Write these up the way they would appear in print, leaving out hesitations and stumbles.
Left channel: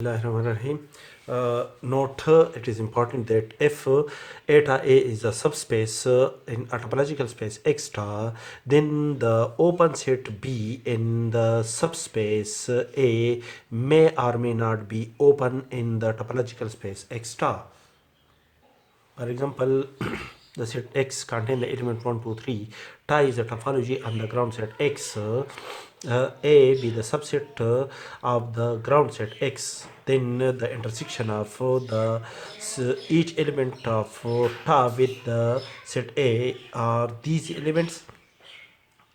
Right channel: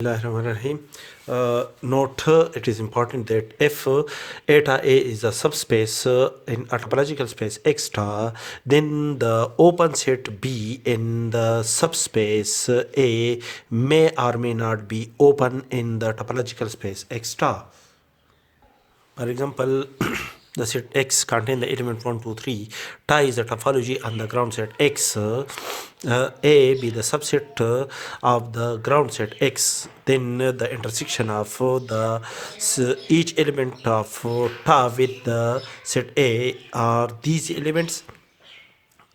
Bismillahirrahmanirrahim. Note, it is important that if eta A is a subspace in a topological space X star, then the open set B in the subspace A may or may not be open in the topological space X star. For example, the set X contain the element 1, 2, 3. Tie is a topology on the ground set X. A be the subset of the ground set X. Then the intersection of each element of ta with the set A are these elements.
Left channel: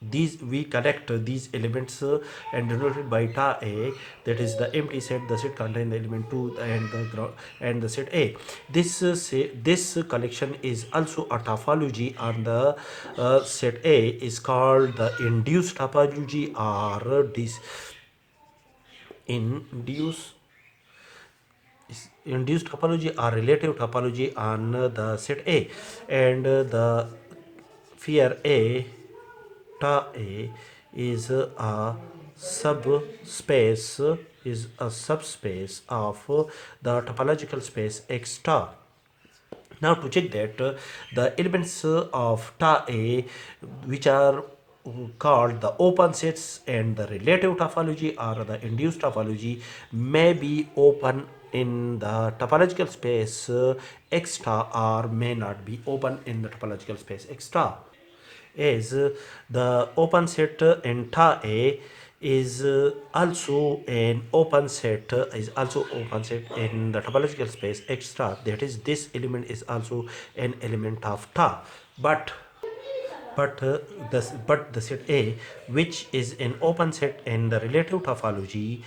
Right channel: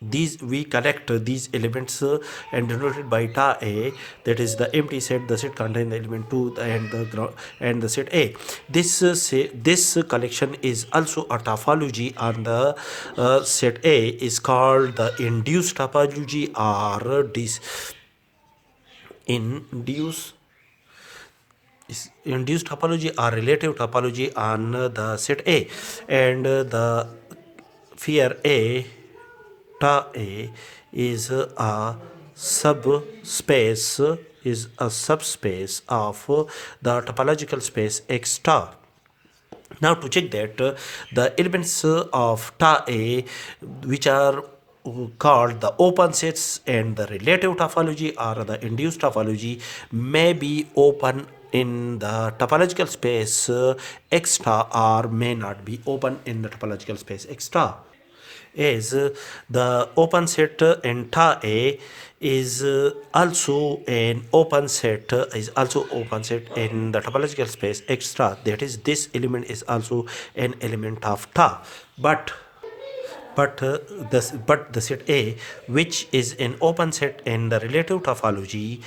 These we connect these elements and denoted by ta A, that is the empty set. The set contain the element 2 and the set A. This collection is also a topology on the set A is called the induced topology or this induced induced topology or relative topology on the set A. And the fear A ta A is a subspace of the topological space X star. Now to check that the elements of ta A, which are called the open sets and the relative topology or the induced topology, may be open in the topological space X star or may not be open in the topological space X star. Is the open set in ta A is also an open set in the topological space X star, that is this element is also an element of ta. But the set A, which is an open set in the relative topology,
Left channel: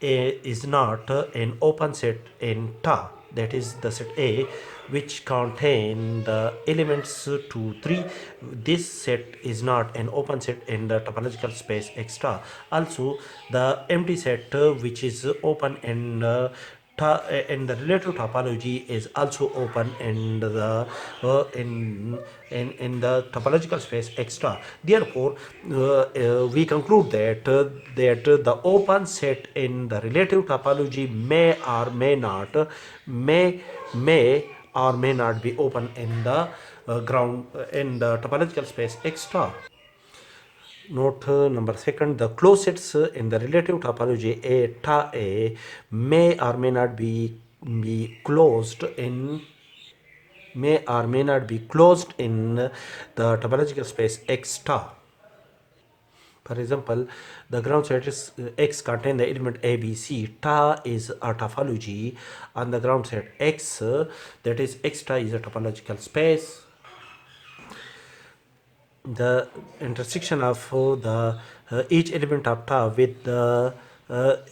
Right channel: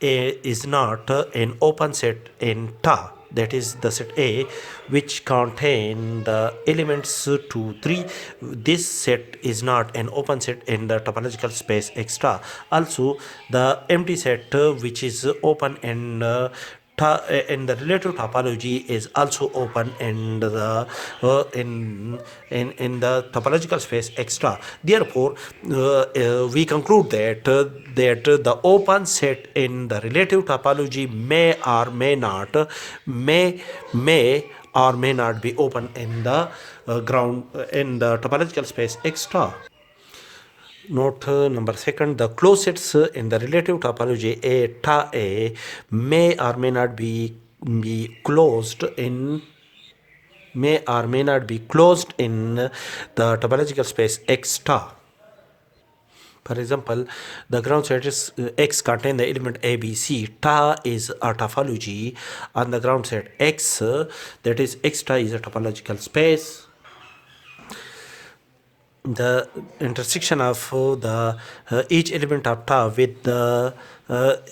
is not an open set in ta, that is the set A which contain the elements 2, 3. This set is not an open set in the topological space X star. Also the empty set which is open in the relative topology is also open in the in the topological space X star. Therefore we conclude that the open set in the relative topology may or may not be open in the ground in the topological space X star. Note number second, the closed sets in the relative topology A ta A may or may not be closed in the topological space X star. For example, the ground set is X contain the element A, B, C. Ta is a topology on the ground set X, that is X star is a topological space. The intersection of the each element of ta with the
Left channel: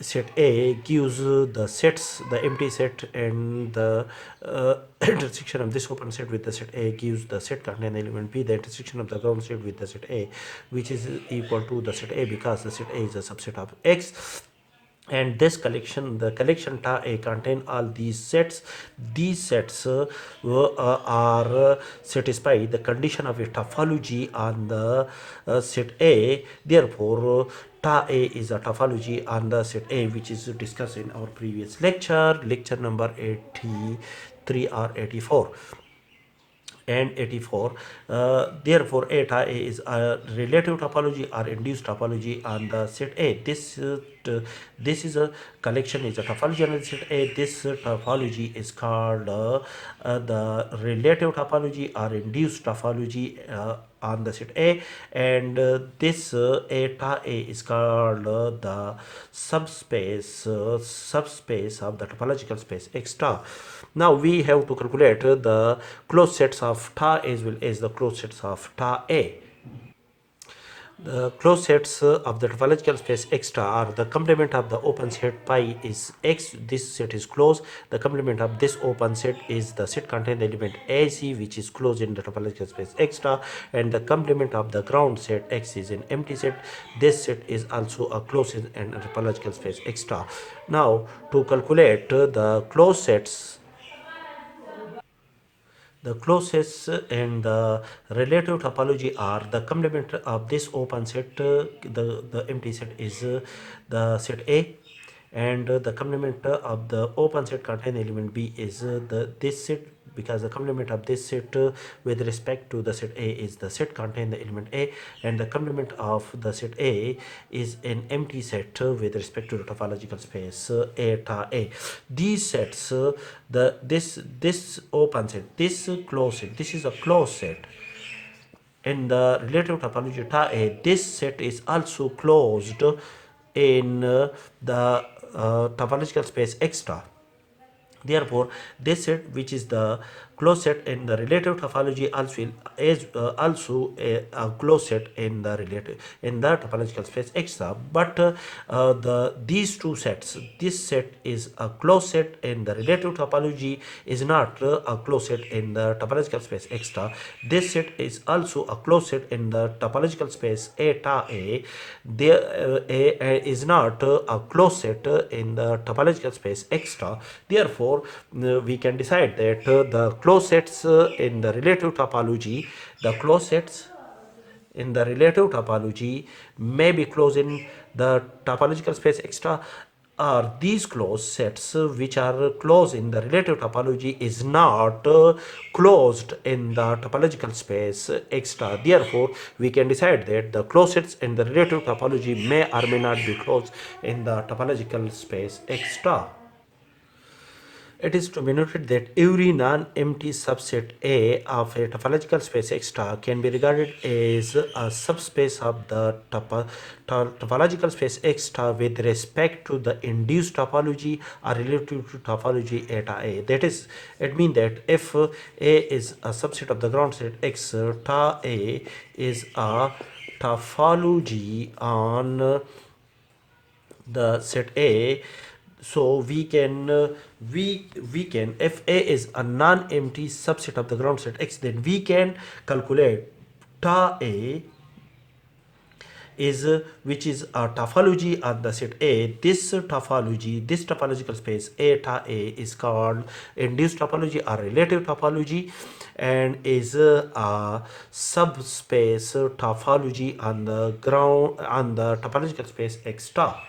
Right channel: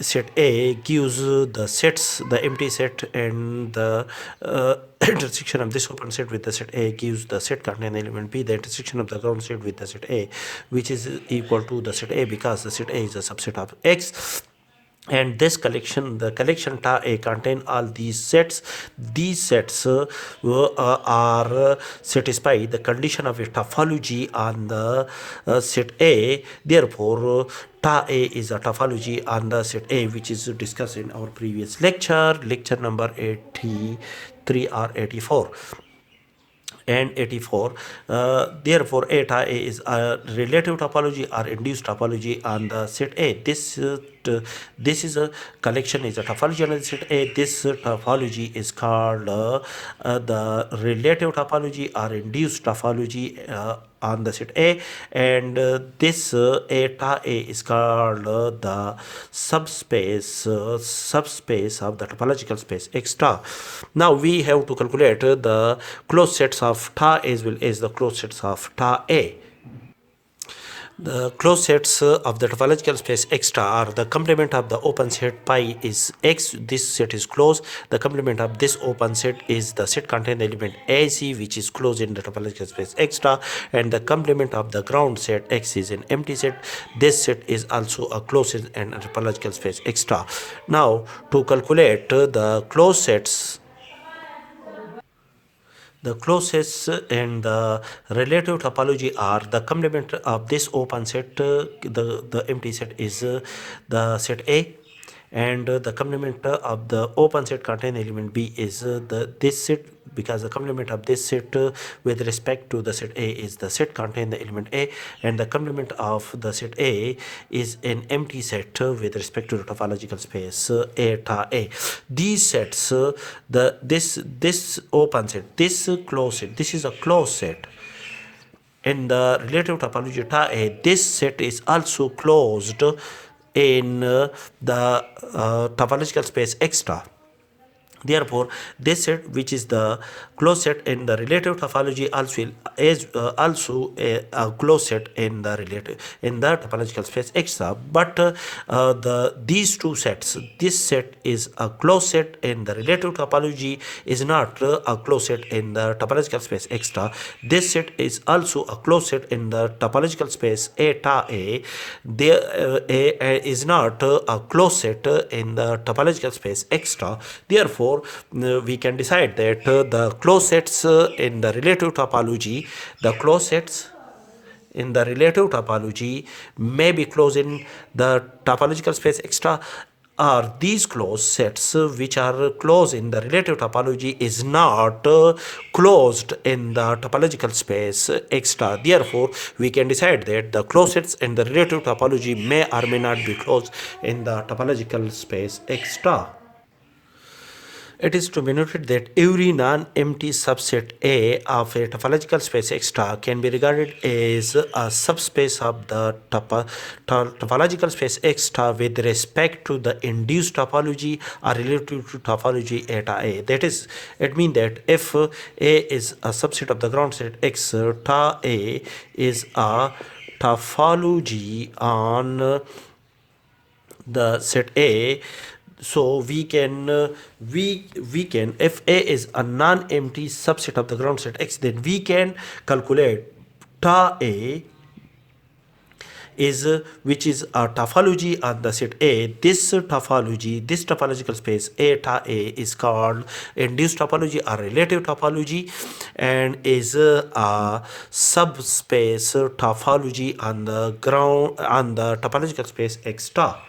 set A gives the empty set, and the intersection of this open set with the set A gives the set containing element B. The intersection of the ground set with the set A, which is equal to the set A, because the set A is a subset of X. And this collection, the collection ta A, contain all these sets. These sets are satisfy the condition of a topology on the set A. Therefore ta A is a topology on the set A, which is discussed in our previous lecture number 83 or 84 and 84. Therefore eta A is a relative topology or induced topology on the set A. This is a collection is a topology on the set A. This topology is called the relative topology or induced topology on the set A, and this eta A is called the subspace of the topological space X star. Now we have to calculate the closed sets of ta as well as the closed sets of ta A. The closed sets of the topological space X star are the complement of the open set pi is X. This set is closed. The complement of this open set is the set containing the element AC, which is closed in the topological space X star, and the complement of the ground set X is an empty set. This set is also a closed set in a topological space X star. Now to calculate the closed sets, the closest and the relative topology are the complement of this open set. The empty set is the set A, and the complement of the open set contain element B is this set, because the complement of this set with respect to the set A is the set contain the element A, and the complement of the set A is an empty set with respect to the topological space eta A. These sets, this open set, this closed set, this is a closed set. In the relative topology ta A, this set is also closed in the topological space X star. Therefore, this set, which is the closed set in the relative topology, also is also a closed set in the topological space X star. But these two sets, this set is a closed set in the relative topology, is not a closed set in the topological space X star. This set is also a closed set in the topological space eta A. There is not a closed set in the topological space X star. Therefore, we can decide that the closed sets in the relative topology, may be closed in the topological space X star, or these closed sets which are closed in the relative topology is not closed in the topological space X star. Therefore, we can decide that the closed sets in the relative topology may or may not be closed in the topological space X star. It is to be noted that every non-empty subset A of a topological space X star can be regarded as a subspace of the topological space X star with respect to the induced topology or relative to topology eta A. That is, it means that if A is a subset of the ground set X, ta A is a topology on the set A. So we can if A is a non-empty subset of the ground set X, then we can calculate ta A is which is a topology on the set A. This topological space eta A is called induced topology or relative topology, and is a subspace topology on the topological space X star.